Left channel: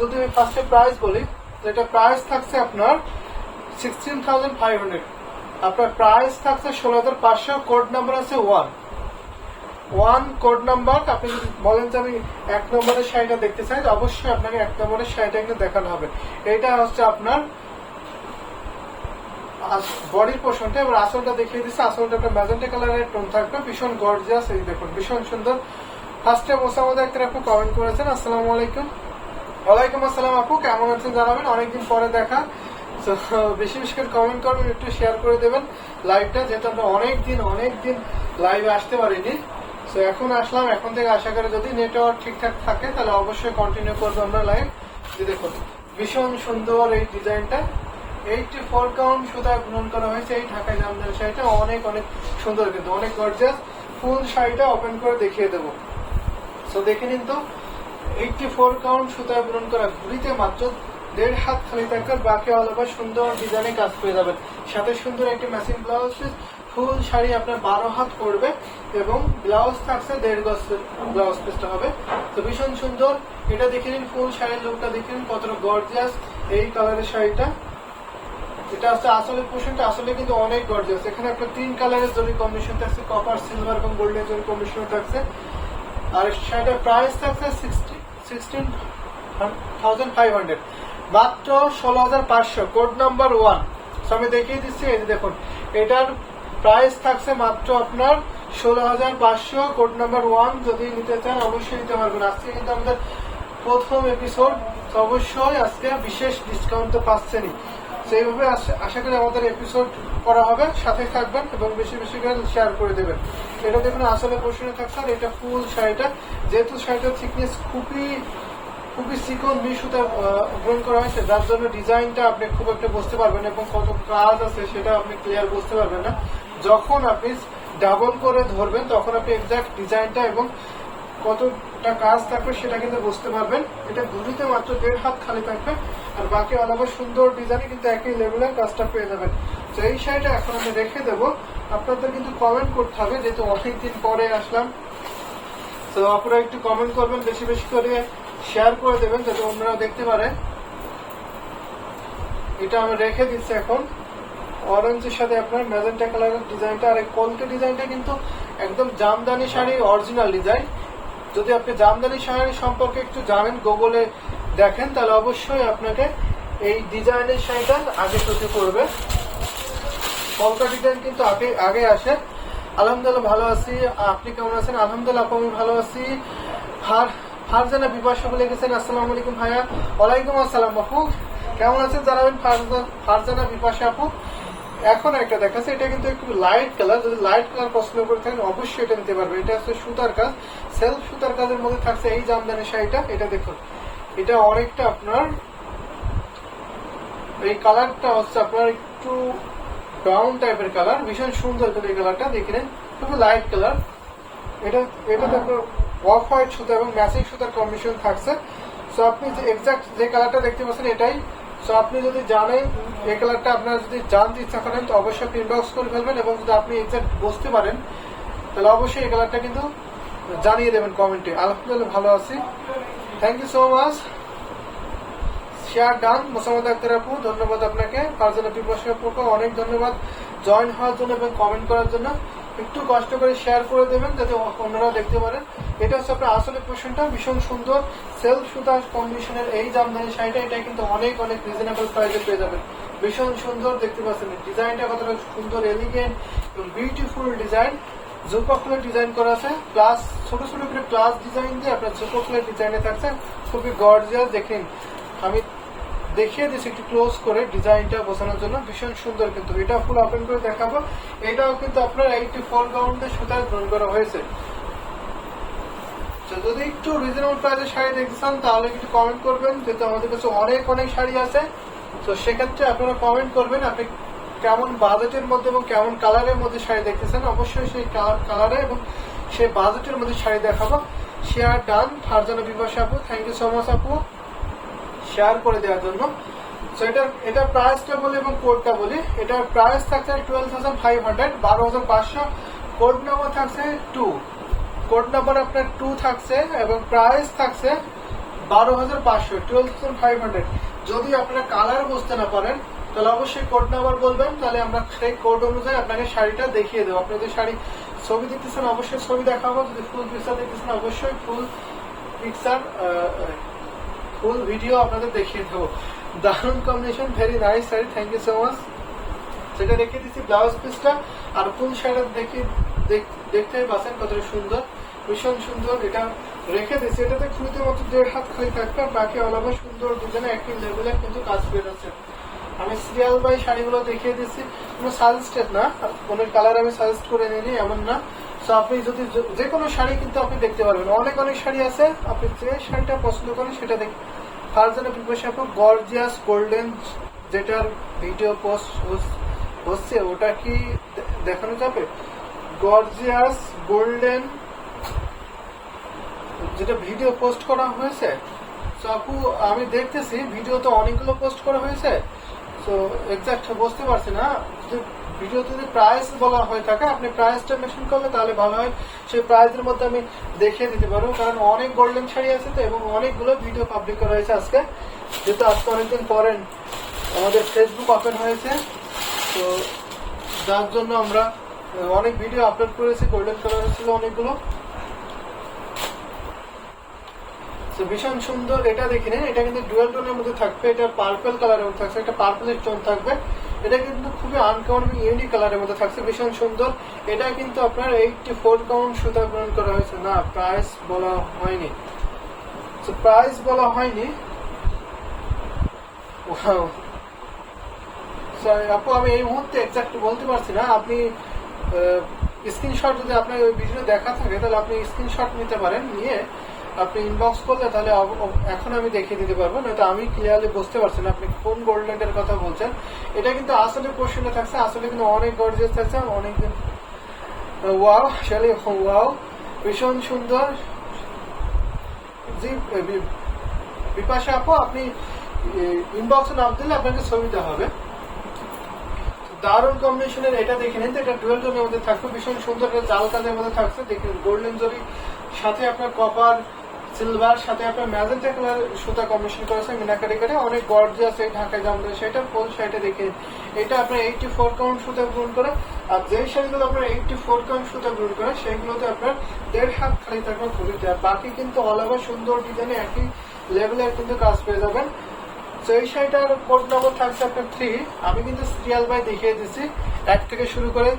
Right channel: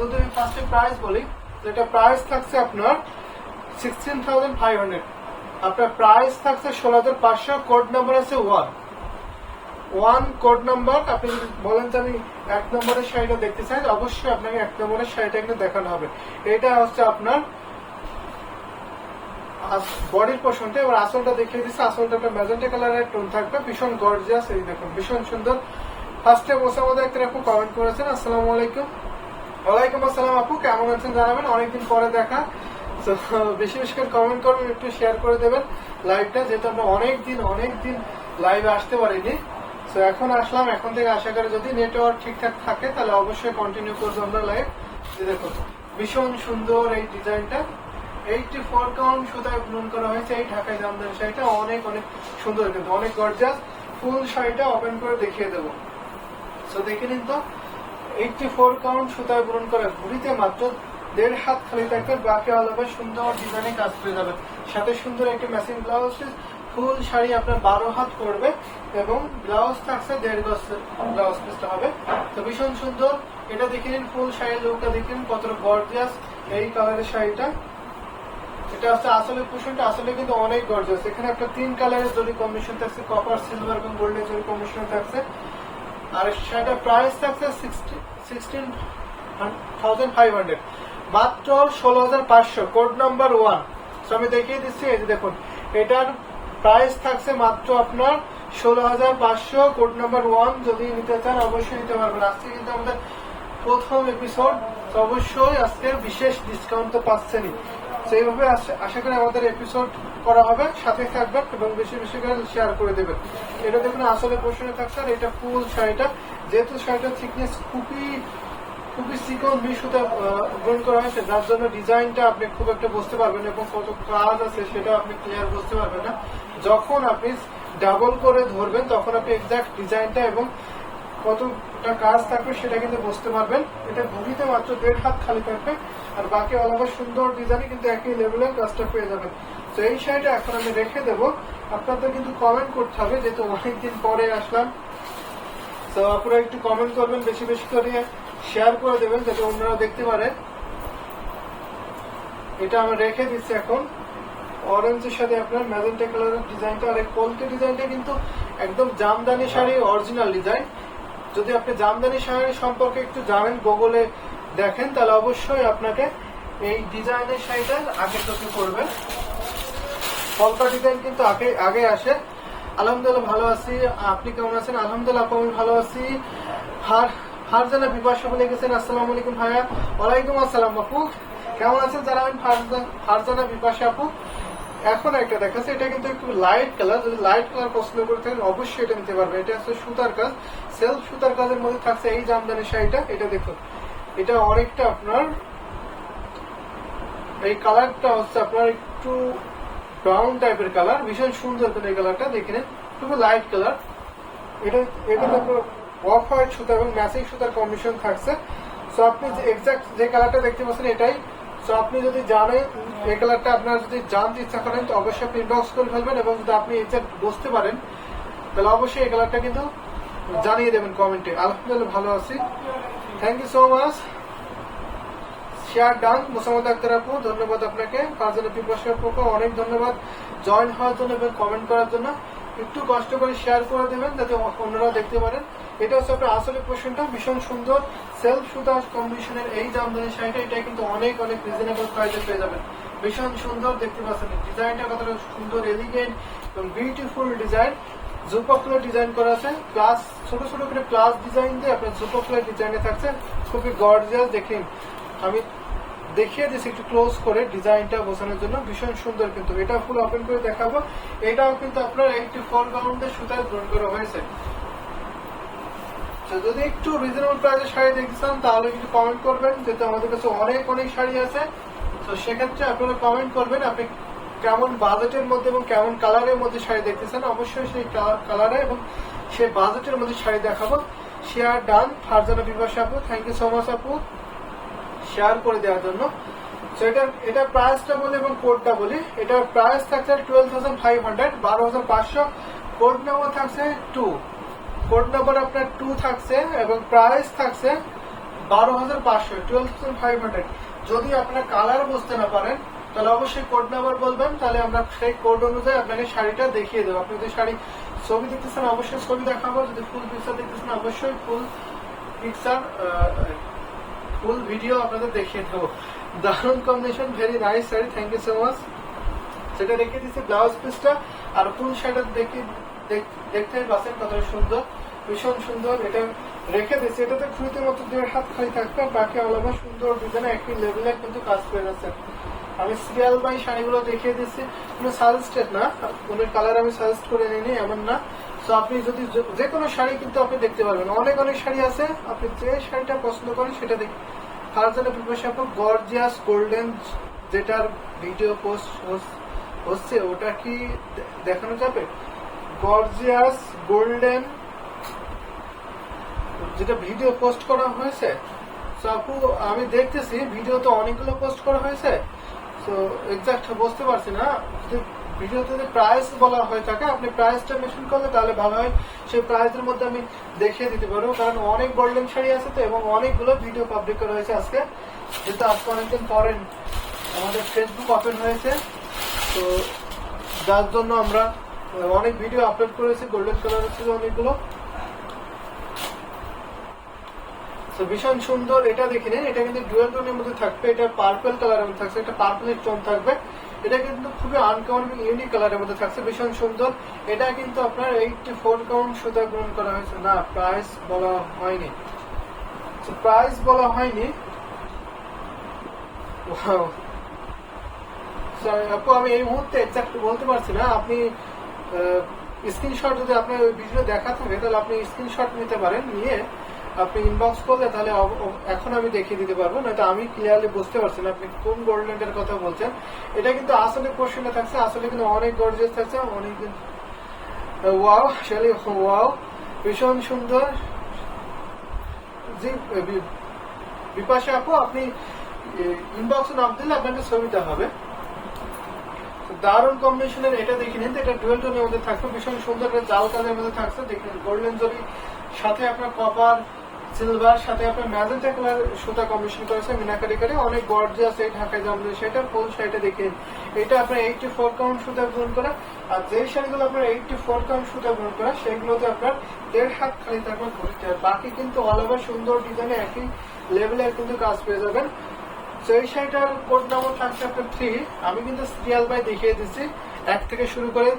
যদি ফার্স্টে প্রাইস বলি, যেটা প্রাইস থাকছে আপনার 16,500, আপনার প্রাইস থাকছে 16,500, কোড নাম্বার আছে 1 কোড নাম্বার। আপনি যদি বলেন যে আমি 1 নম্বরের শাড়িটা দেখতে চাই, অবশ্যই আপনাকে 1 নম্বরের শাড়িটা কিন্তু দেখানো হবে। এটা হচ্ছে আপনার বডির পোর্শনটা। এবার আসলটা দেখিয়ে দিচ্ছে। আসলটা একটা ম্যাজেন্টা কালারের টোন থাকবে, ভীষণ গর্জিয়াস। এই দেখুন ভীষণ সুন্দর। ফার্স্টে মোসাম্মদ আক্তার আপু কমেন্ট করেছেন, আসসালামু আলাইকুম। ওয়ালাইকুম আসসালাম আপু, কেমন আছেন জানাবেন, অনেকদিন পরে দেখা। বেশি বেশি করে কমেন্ট করবেন, একটু শেয়ার করে দেবেন লাইভটা, যেহেতু আমরা অনেকদিন লাইভে আসতে পারিনি। তো এখন আসলাম, এখন থেকে আশা করি যদি নেটওয়ার্ক ঠিকঠাক থাকে তাহলে অবশ্যই কন্টিনিউ করবো আমরা লাইভ। দেখুন ভীষণ সুন্দর এই ডিজাইনটা, 84 কাউন্ট সুতায় বুনন করা হয়েছে। এই ঢাকায় জামদানি শাড়িটা অনেক সুন্দর, কিন্তু অনেক গর্জিয়াস। ফুল শাড়িটা ওপেন করে দেখিয়ে দেবো। তো দেখে নিন তো, 84 কাউন্ট সুতায় বুনন করা, ঘুরিতে মাত্র 1.5 হাত খালি থাকবে, বাকি অল ওভার সুন্দর ডিজাইনে কাজ পেয়ে যাবেন। সাথে সুন্দর একটি ম্যাচিং ব্লাউজ। ফুল শাড়ি আপনার 12 হাত পড়বে এবং ব্লাউজ থাকছে 1.5 গজের ব্লাউজ পিসটা হবে। তো ভীষণ সুন্দর। এটা দেখে নিন, ফুল শাড়ির লুকটা দেখে নিন কতটা গর্জিয়াস এই কালারের শাড়িটা। এটা হচ্ছে আসলে পোর্শনটা, আসলে কিন্তু অনেক গর্জিয়াস। এখানে একটা 3 কালারের জরি কম্বিনেশন থাকছে, কপার, সিলভার এবং গোল্ডেন জরি কম্বিনেশন থাকছে। আর শাড়িটার প্রাইস থাকছে 16,500, মাত্র 16,500, কোড নাম্বার 1। আমি দেখিয়ে দিচ্ছি, এই যে দেখুন এটার প্রাইস থাকছে মাত্র আপনার 16,500, কোড নাম্বার 1। যদি নিতে চান অবশ্যই নিতে পারবেন। আজকে কিন্তু আমাদের প্রথম এপিসোড, তো অবশ্যই আজকে বিশেষ ডিসকাউন্ট তো পাচ্ছেনই। সেইভাবে আশা করি আমাদের এপিসোড করা হবে, সাথে থাকবেন এবং বেশি করে শেয়ার করে দেবেন। এটা দেখুন আসলে পোর্শনে থাকছে। আর এটা ফুল শাড়িটা, যেহেতু শাড়িটার থিকনেস খুবই চিকন সুতা গ্রহণ করা হয়েছে, যার জন্য ডিজাইনটা আপনি খুব একটা বুঝতে পারবেন এবং কত কাজ আছে সেটা আপনি ক্লিয়ার বুঝতে পারবেন না। যখন আপনি ডাবল করে ধরবেন তখন আপনি এক্সাক্ট ডিজাইনটা এবং কতটা কাজ থাকবে সেটা কিন্তু বুঝতে পারবেন। এটা ঘুরিতে মাত্র 1.5 হাত খালি থাকবে, আর বাকি আলাদা সুন্দর ডিজাইনে কিন্তু একই লেভেলের কাজটা পেয়ে যাবেন। তো এই শাড়িটা এখন আমি রেখে দেবো, আপনাদের কিন্তু কমেন্ট করতে হবে, যেহেতু অনেকদিন পরে আসলাম। তো আপনারা একটু কমেন্ট করবেন, বেশি করে শেয়ার করে দেবেন যাতে অন্যরা দেখতে পারে। এটা আমি রেখে দিচ্ছি এখন। অরেঞ্জের সাথে আপনার ম্যাজেন্টা কালারের ডিজাইনটা, আর এই কলকে ডিজাইনটা কিন্তু একদম জামদানি শাড়ি অরিজিনাল ডিজাইন। যদি আপনি জামদানি শাড়ি সম্পর্কে একটু জানেন, গুগলে দেখেন, তাহলে অবশ্যই আপনাকে এই ডিজাইনের শাড়িটা আগে চোখে পড়বে। কলকা ডিজাইন কিন্তু আগে আসে। আলহামদুলিল্লাহ ভালো আছি, আপনি কেমন আছেন? আলহামদুলিল্লাহ আমি ভালো আছি। ফারজানা বিপাশা বলে গেছেন, আসসালামু আলাইকুম ভাইয়া। ওয়ালাইকুম আসসালাম আপু, কেমন আছেন জানাবেন ফারজানা বিপাশা আপু। এখন একটা দেখাচ্ছে, এটা কিন্তু একটু লাইট কালার। যদি লাইট কালার পছন্দ করে থাকেন অবশ্যই এটা নিতে পারবেন। এটা হচ্ছে সুতার কাজ, সেলফ সুতার কাজের মধ্যে থাকছে এই জামদানি শাড়িটা। এটা দেখুন, এটা অনেকটা আপনার এই কালারটা হচ্ছে আপনার একটু ব্রাউন টাইপের কালার, ভীষণ সুন্দর। কিন্তু এই কালারটা দেখে নেন, খুবই লাইট কালার। এটা দেখো অফ হোয়াইট সুতা এবং ম্যাচিং সুতার কম্বিনেশন থাকছে। সো আপনি যে এক্সাক্ট যে কালারটা দেখতে পাচ্ছেন এটাই। সো আপনি যদি জানেন এই কালারটা, আপনারা যদি জানতে ইচ্ছা করেন তো অবশ্যই আপনি ইনবক্স করে ফেলবেন, এবং যদি আপনি এক্সাক্ট বুঝতে পারেন তাহলে অবশ্যই এই কালারটা কিন্তু জানিয়ে দেবেন কমেন্টে। আলহামদুলিল্লাহ ভালো আছি, thank you so much. Share done Mosammat Akter আপু, ধন্যবাদ আপনাকে। ফারজানা পিপাসা আপুকে অনেক ধন্যবাদ জয়েন হওয়ার জন্য এবং কমেন্ট করার জন্য। একটু কষ্ট করে শেয়ার করে দেবেন যাতে অন্যরাও দেখতে পারেন। এটা হচ্ছে আপনার আসলে পোর্শনটা, ভীষণ সুন্দর সেলফ সুতা কম্বিনেশনের এই জামদানি শাড়িটা। এটা কিন্তু অনেক রিজনেবল প্রাইসে পেয়ে যাবেন। ভীষণ সুন্দর দেখতে পাচ্ছেন ডিজাইনটা, কতটা সুন্দর, এলিগেন্ট এবং বিউটিফুল ডিজাইন। জুপা ফুলের ডিজাইন করেছে, প্লাস ছোট করে প্লাস ডিজাইন দিয়ে আপনার জুপা ফুলের ডিজাইনে থাকছে, খুবই গর্জিয়াস। দেখেন আমি দেখিয়ে দিচ্ছি একটু ক্লোজ করে ডিজাইনটা বোঝানোর জন্য, ভীষণ সুন্দর। কিন্তু এটা ফুল ওপেন করে দেখাবো। এটাও কিন্তু আপনার 84 কাউন্টের সুতায় গ্রহণ করা হয়েছে। যদি একটু রিজনেবল প্রাইসের শাড়ি দেখতে চান তাহলে কিন্তু কমেন্ট করবেন, যেহেতু আমাদের কাছে অনেক শাড়ি আছে। তো সেক্ষেত্রে আপনারা কমেন্ট করবেন আপনি কেমন বাজেটের মধ্যে এবং কেমন কালারের মধ্যে শাড়ি দেখতেছেন। অবশ্যই সেই কালারে এবং সেই বাজেটের মধ্যে শাড়ি দেখাবো। শেয়ার ডান ফারজানা বিপাশা আপু, থ্যাংক ইউ সো মাচ আপু শেয়ার করে দেওয়ার জন্য। সো এটা প্রাইসটা বলি এবং কোডটা বলি। এটার প্রাইস থাকছে 12,500, 12,500। কোড নাম্বার থাকছে 2, কোড নাম্বার আপনার 2 থাকছে এবং প্রাইস থাকছে 12,500, 12,500। যদি আপনারা কালার বুঝতে না পারেন তাহলে অবশ্যই কোড নাম্বার বলবেন, তাহলে আমরা সেই কোড অনুযায়ী আপনাকে শাড়িটা দেখিয়ে দেবো। আপনি যদি শাড়ি ছবি দেখতেছেন অবশ্যই ছবি দেখাবো, যদি ফুল পিকচার দেখতেছেন অবশ্যই ফুল পিকচার ফুল ভিডিও আপনাদের দেখিয়ে দেবো। দারুণ combination, very nice sari, thank you so much. সেটা দেখিয়ে দিচ্ছি ব্লাউজ পিসটা, আর ফুল শাড়িটা দেখতেই পাচ্ছেন কতটা সুন্দর, ভীষণ সুন্দর। এটা রেখে দিচ্ছি, এটাতে খুঁতে মতো 1.5 হাত খালি থাকবে, আর বাকি আলাদা সুন্দর ডিজাইনে একই লেভেলের কিন্তু কাজ পেয়ে যাচ্ছে। আমি সিরিয়াল বাই শাড়িগুলো দেখিয়ে দিচ্ছি, কোনো সাজেস্টেড না, কোনো কালার আমি সাজেস্ট করে নিই এমন না। তো আপনি যদি যে কোনো শাড়ি কিন্তু আপনি দেখতে পারবেন, অনেক অনেক শাড়ি আছে, আপনি যে শাড়িটা পছন্দ করেন সেটা দেখে তার জন্য প্রিপারেশন আপনি গর্জিয়াস গোল্ডেন যেটার ভিডিও পোস্ট হচ্ছে ওটা কি দেখানো যাবে? গর্জিয়াস গোল্ডেন যেটা ভিডিও পোস্ট করা হয়েছে, তো আপু আমি দেখতেছি ভিডিও তো অনেকগুলো পোস্ট করা হয়েছে, তো এক্সাক্ট বুঝতে পারছি না। ভিডিওতে যদি প্রাইস বলা হয়ে থাকে আপনি প্রাইসটা মেনশন করলে তাহলে ভালো হয়, সেই প্রাইসের মধ্যে আমি দেখিয়ে দিতে পারবো, কারণ অনেক গোল্ডেন শাড়ি আছে তো, এবং অনেকগুলো ভিডিও পাবলিক করা হয়েছে আজকে, যেহেতু আজকে অনেকদিন পরে আমাদের ফেসবুক ওপেন হয়েছে, তো যার জন্য আমরা অনেক ভিডিও আপলোড করেছি। গোল্ডেন কালার ছিল অনেকগুলো, ভীষণ সুন্দর। এটা দেখে নিন, এটা কিন্তু ডুয়াল টোনের মধ্যে থাকবে, এটা পার্পল কালারের মধ্যে থাকছে, এটা পার্পলের টোন থাকবে। এটা কিন্তু খুবই আনকমন ইউনিক কালারের মধ্যে থাকছে, ভীষণ সুন্দর। এটা কিন্তু আপনার 84 কাউন্ট সুতা গ্রহণ করা হয়েছে। না, প্রাইস বলা হয়নি, প্রাইস বলা হয়নি। আপু আমি এই মুহূর্তে এক্সাক্ট বলতে পারছি না, আপনি স্ক্রিনশট যদি আপনার ওই ভিডিও দেখা থাকে তাহলে আপনি স্ক্রিনশট নিতে পারেন, নিয়ে আপনি ইনবক্স করলে তাহলে এখন আমি দেখিয়ে দিতে পারবো, নয়তো আমি ক্লিয়ারলি বুঝতে পারছি না আপনি কোন গোল্ডেনের কথা বলছেন। এটা কিন্তু আসলে পোর্শনে থাকছে, আসলে কিন্তু অনেক গর্জিয়াস থাকছে, অনেকদিন ওয়াও শালি ওয়াও, ভীষণ সুন্দর। জি বিপাশা আপু, আপনি ইনবক্সে নাম দিলে আপনাকে ছবিতে হবে। দারুণ কম্বিনেশনের এটা দেখে নিন, এটা ডুয়েল টোনের মধ্যে থাকবে, ভীষণ সুন্দর। এটা জাল কাজের মধ্যে থাকছে, দেখুন গোল্ডেন জরি সাথে আপনার কপার সিলভার সাথে আপনার ম্যাজেন্টা কালার সুতা কম্বিনেশন করেছে মিনাকারি করে, অনেক গর্জিয়াস। এই ঢাকায় জামলে সেটা ফুল শাড়িটা দেখে এটা আপনার 84 কাউন্ট সুতা গ্রহণ করে, আর যেই শাড়িগুলো আপনার 84 কাউন্ট সুতা গ্রহণ করে সেগুলোতে আপনার 1.5 হাত খালি থাকবে খুলিতে, আর বাকি কিন্তু অল ওভার সুন্দর ডিজাইনে একই লেভেলের কিন্তু কাজ পেয়ে যাবেন। তো এই শাড়িটার কোড নাম্বার থাকছে আপনার 3। আমি কিন্তু সিরিয়াল বাই দেখিয়ে দিচ্ছি, 1 থেকে শুরু করে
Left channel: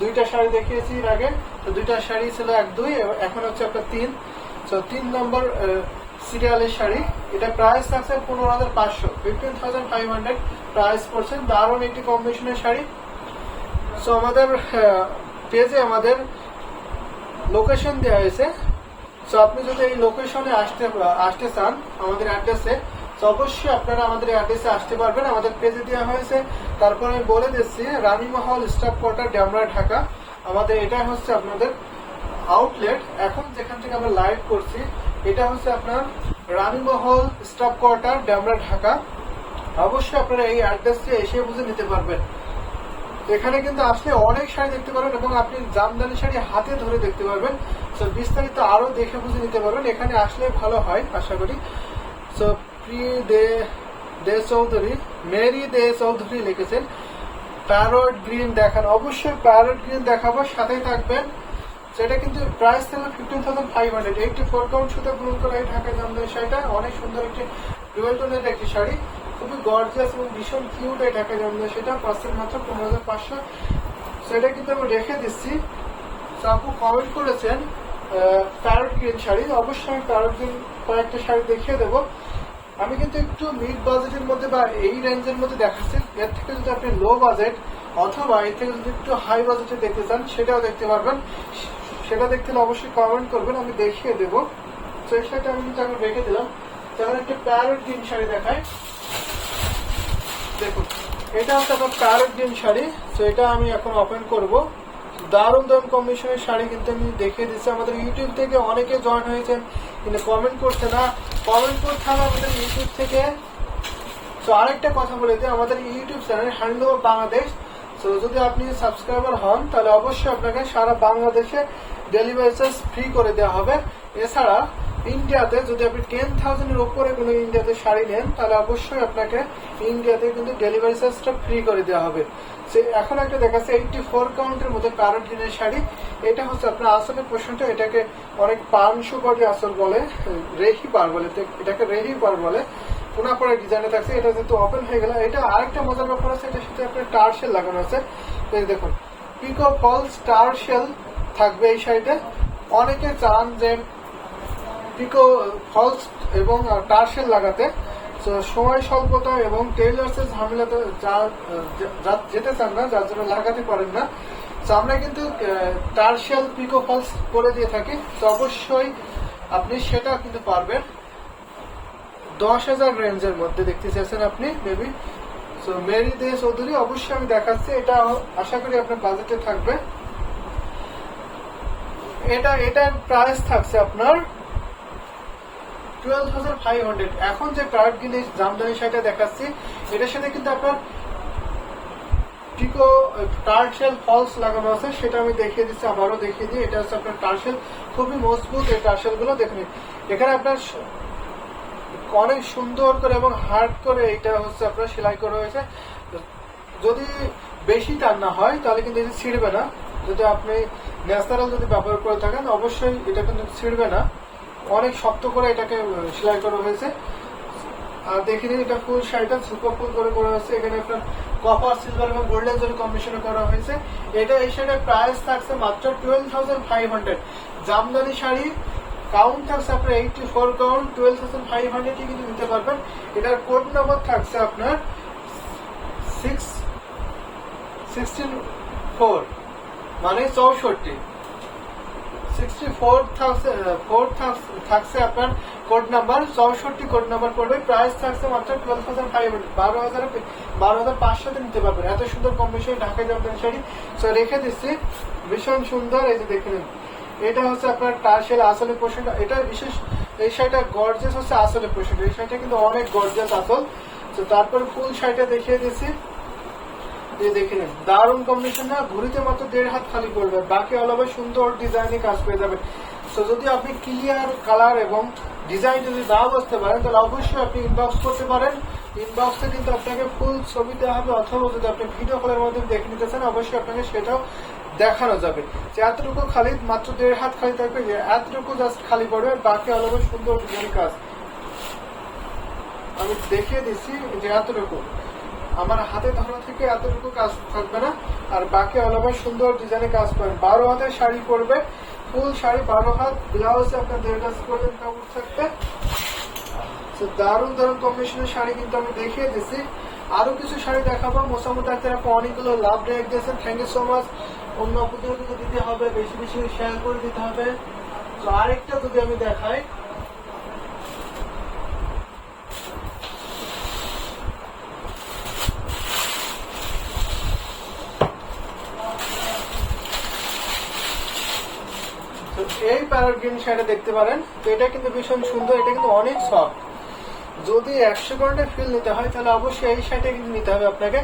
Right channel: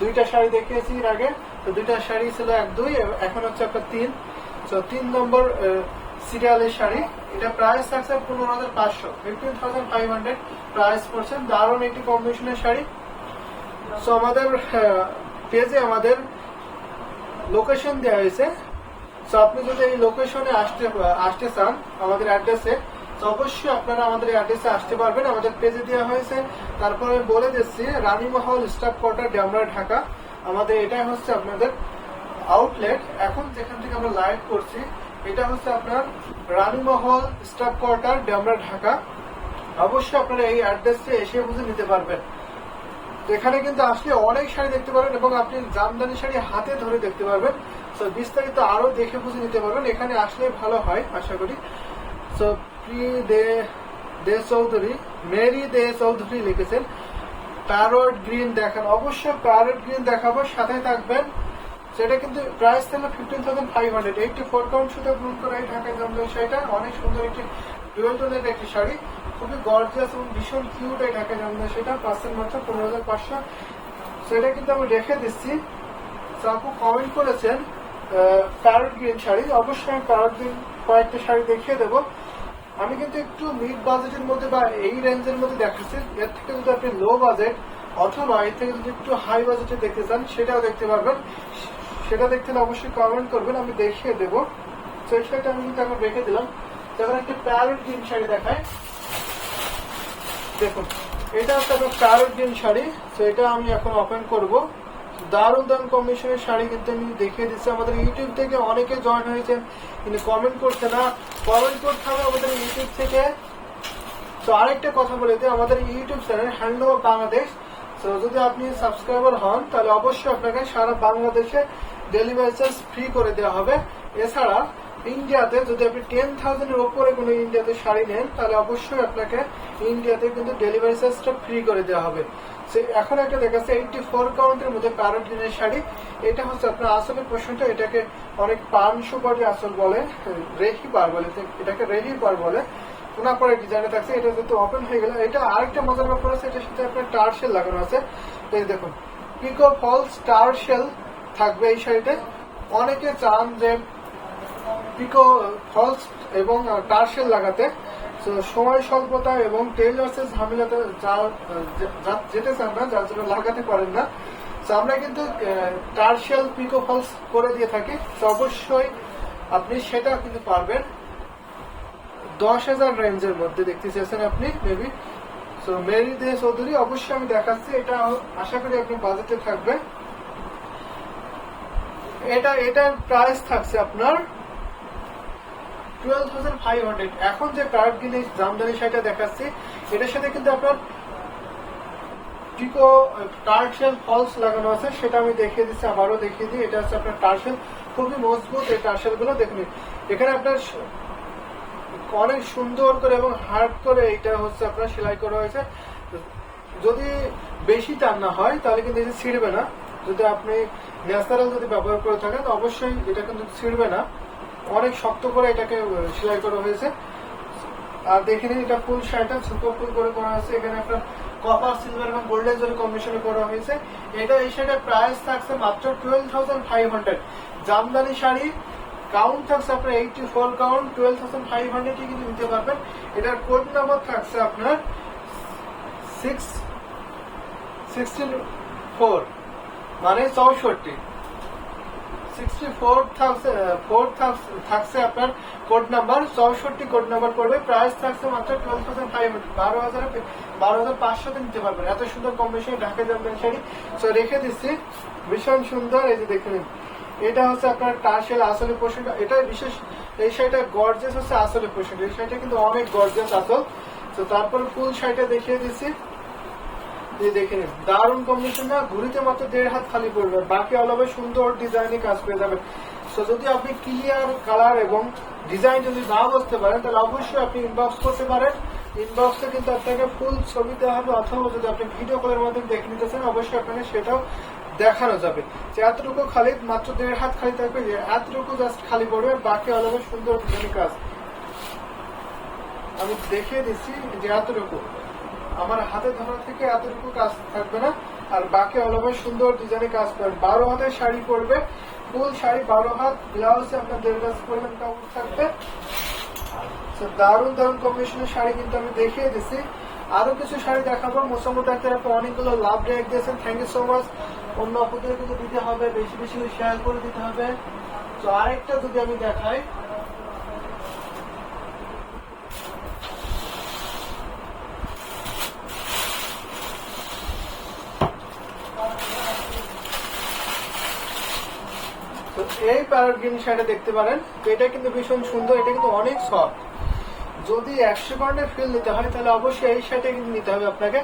2টা শাড়ি দেখিয়েছি এর আগে, তো 2টা শাড়ি ছিল 1, 2, এখন হচ্ছে আপনার 3। তো 3 নম্বর সিরিয়ালের শাড়ি, এটা প্রাইস থাকছে 15,500, 15,500 প্রাইস পড়ছে। দারুণ একটি কম্বিনেশনের শাড়ি। সো আমাদের পেজে আমাদের লোকেশন দেওয়া হয়েছে, সো আপনি যদি এই লোকেশনে আসতে চান আমাদের অ্যাড্রেসে, তো অবশ্যই আপনারা আমাদের অ্যাড্রেসে আসতে পারবেন, আমাদের পেজে দেওয়া হয়েছে। তারপর আমি বলে দিচ্ছি, রানীমহল স্টাফ কোয়ার্টার, ডেমরা, ঢাকা। আমাদের এটাই হচ্ছে আপনাদের আউটলেট। এখন যেখান থেকে আমরা লাইভ করছি এটা হচ্ছে আপনার রানীমহল স্টাফ কোয়ার্টার, ডেমরা, ঢাকা। অবশ্যই আপনারা এই অ্যাড্রেসে এসে বুঝে নিতে পারবেন। এখানে কিন্তু আসলে অনেক শাড়ি দেখতে পারবেন, এবং আপনি জামদানি শাড়ি হাতে ধরে দেখতে পারবেন। তো বিস্তারিত আরো দেখে বুঝে নিতে পারবেন, এখানে আসলে ভালো হয় আশা করি। তো দে চৌধুরী, মেরি দে চৌধুরী লিখেছেন প্যারট গ্রিন দেখান, অবশ্যই প্যারট গ্রিন দেখাবো, সাথে থাকবেন। সেটা কিন্তু প্রাইস থাকলে 15,500, 84 কাউন্ট সুতা গ্রহণ করা এই ঢাকায় জামদানি শাড়িটা, অনেক সুন্দর একটি ডুয়েল টোনের একটি শাড়ি, খুবই গর্জিয়াস এবং ভীষণ কিউট এই ঢাকায় জামদানি সেটা, পার্সেল মাত্র 15,500। সেটা কিন্তু আমি রেখে দিচ্ছি। আপু কমেন্ট করেছেন প্যারট গ্রিন শাড়ি, অবশ্যই আমি প্যারট গ্রিন কয়েকটা শাড়ি দেখিয়ে দেবো। আমি কিন্তু একটু মিড বাজেটের মধ্যে বা এই রেঞ্জের মধ্যে দেখাচ্ছি, এর থেকে যদি আপনি লো বাজেট অথবা এর থেকে যদি একটু হাই বাজেটে দেখতে চান সেটাও দেখতে পারবেন। সেটা দেখতে হলে অবশ্যই কমেন্ট করবেন, আমি দেখিয়ে দেবো। তো এই শাড়িটা আমি কিন্তু এখন রেখে দিলাম। এখন একটি প্যারট গ্রিন শাড়ি দেখায়, দেখুন এটা হচ্ছে আপনার প্যারট গ্রিন শাড়ি। তো এটা আমি এখন ওপেন করবো। দারুণ দারুণ কম্বিনেশনের শাড়ি কিন্তু আমি দেখিয়ে দিচ্ছি। আমাদের ইউটিউব থেকে অনেকে জয়েন হয়েছেন কিন্তু কমেন্ট করছে না, কমেন্ট করতে হবে আমাদের ইউটিউব থেকে। তো আরেকটা কথা বলে দিই, আমাদের ইউটিউব চ্যানেল হ্যান্ডলুম বাংলাদেশ, তো যদি আপনি সাবস্ক্রাইবার হন তাহলে অবশ্যই আপনাকে সারা বাংলাদেশে ডেলিভারি চার্জ ফ্রি করে দেওয়া হবে। এছাড়া ইন্ডিয়াতে যদি আপনি 10,000 এর উপরে কোনো ইন্ডিয়াতে শাড়ি নেন তাহলে অবশ্যই আপনাকে ইন্ডিয়াতে কিন্তু ডেলিভারি চার্জটা ফ্রি করে দেওয়া হবে। এখন একটা দেখাচ্ছে 84 কাউন্টের মধ্যে প্যারট গ্রিনের শাড়ি। এটা হচ্ছে আপনার আসলের পোর্শনটা, এটাকে অনেক পানশো কোটি আসল বলে, রেহি পার বলে, এটাকে রেহি পার বলে। ওনার পরে ডিজাইনটা থাকছে, এটা যেহেতু ওপেন হয়ে গেল। এটা আরেকটা মজার ব্যাপার আছে, এটার সাথে আপনার টার্সেল লাগানো আছে। এই দেখুন পিকো ফলস টার্সেল থাকবে এই শাড়িতে। অনেকে চান যে পিকো ফলস এবং টার্সেল লাগাতে, সময় স্বল্পতা এবং টেইলার্সের ঝামেলাতে যেতে চান না, যার জন্য লাগাতে পারেন না। তো আমরা কিন্তু টার্সেল পিকো ফলস করে দিয়ে থাকি। তো অবশ্যই আপনি সেটা কিন্তু পারবেন 10,000 রেঞ্জের মধ্যে। দেখতে চাইছেন আপনি মেবি। সো মেরি দে চৌধুরী অবশ্যই আমি দেখাচ্ছি, এটা আশা করি আপনার বাজেটে থাকবে। এটার প্রাইস থাকছে আপনার 12,500। এখন যে প্যারট গ্রিনের জামদানি শাড়িটা দেখাচ্ছি, এটার সাথে কিন্তু আপনার পিকো টার্সেল ফলস লাগানো আছে, সেটা আমি দেখিয়ে দিচ্ছি, আবারও দেখিয়ে দিই। এটা হচ্ছে আপনার টার্সেল, খুবই মজবুত এই টার্সেল গুলো। দেখুন এখানে আপনার অনেক সুন্দর করে এবং হার্ড করে এটা হচ্ছে আপনার সেলাই করা হয়েছে। যদি বেশি টান না হয় তাহলে কিন্তু এটা ছিঁড়বে না। যদি আপনি ন্যাচারাল যদি ব্যবহার করে থাকেন অবশ্যই এটা কিন্তু ছিঁড়বে না। অনেক শক্ত করে এটাকে সেলাই করা হয়েছে। আর দেখে নিন এটা ফুল শাড়িটা সুপার ফুল করে করা হয়েছে। এখানে আপনার কপার সিলভার এবং গোল্ডেন জরি কম্বিনেশনে করা হয়েছে। এটা এই শাড়ির প্রাইস থাকছে মাত্র 12,500। জামদানি শাড়ি কাউন্ট থাকছে আপনার 84 কাউন্ট, 12,500 কিন্তু নিতে পারবেন। এটার কোড নাম্বার থাকছে আপনার 64 মানে 64। 64 থাকছে আপনার কোড নাম্বার, 64 কোড নাম্বার পড়বে। প্রাইস থাকছে মাত্র 12,500, 12,500 নিতে পারবেন। এত সুন্দর কম্বিনেশন ঢাকা জামদানি শাড়ি। সো রেখে দিচ্ছি, ভীষণ সুন্দর। এই যে দেখে নিন, এটা হচ্ছে আপনার টার্সেল আসলে পোর্শনটা। এটা বিশেষ এই শাড়িটা গর্জিয়াস হচ্ছে আসলে পোর্শনটা। এই শাড়িটা কিন্তু অনেক গর্জিয়াস আসল। তো তারপরে ফুল শাড়িটা দেখিয়ে দিচ্ছি, দেখে নিন দারুণ কম্বিনেশন না, ঘুরিতে মাত্র 1.5 হাত খালি করবে, বাকি অলওভার সুন্দর ডিজাইনে কাজ পেয়ে যাবেন। তো যদি আপনি ক্লিয়ার কালার এবং ডিজাইন যদি না বুঝতে পারেন তাহলে অবশ্যই আপনি ইনবক্স করতে পারেন। ইনবক্সে কিন্তু আপনাকে ফুল ছবি দেওয়া হবে, অথবা যদি আপনি ভিডিও কলের মাধ্যমে দেখে নিতে চান অবশ্যই আপনাকে সেটাও দেখানো যাবে। যে এতটুকু খালি মাত্র 1.5 হাত খালি থাকবে, যে এতটুকু জাস্ট খালি পড়বে, বাকি অলওভার সুন্দর ডিজাইন কাজ। আমি দেখিয়ে দিচ্ছি যে এতটুকু আমার হাতে ধরা থেকে এতটুকু কাজ থাকবে না, আর বাকি অলওভার সুন্দর ডিজাইনে কাজ পাবেন। 12 হাতের শাড়ি পরবে, ফুল শাড়ি 12 হাত, ব্লাউজে আপনার 1.5 গজ পর্যন্ত কাপড় থাকবে। দারুণ দারুণ কম্বিনেশনের শাড়ি কিন্তু আমি দেখিয়ে দিচ্ছি। আরো কিছু শাড়ি দেখাবো। মোসাম্মদ আক্তার অনেকগুলো লাভ রেক দিয়েছেন, থ্যাংক ইউ সো মাচ। অন্য আপুদেরগুলো দিতে হবে, বেশি বেশি শেয়ার করে দিতে হবে। তো আরেকটা যদি আমি দেখাই, তো এই প্যারট গ্রিন শাড়িটা দেখতে পারেন। তো এটা কিন্তু ভীষণ সুন্দর, এটা কিন্তু অনেক সফট। যদি 100% ফিল নিতে হয় তাহলে অবশ্যই এই শাড়িটা কিন্তু নিতে হবে আপনাকে।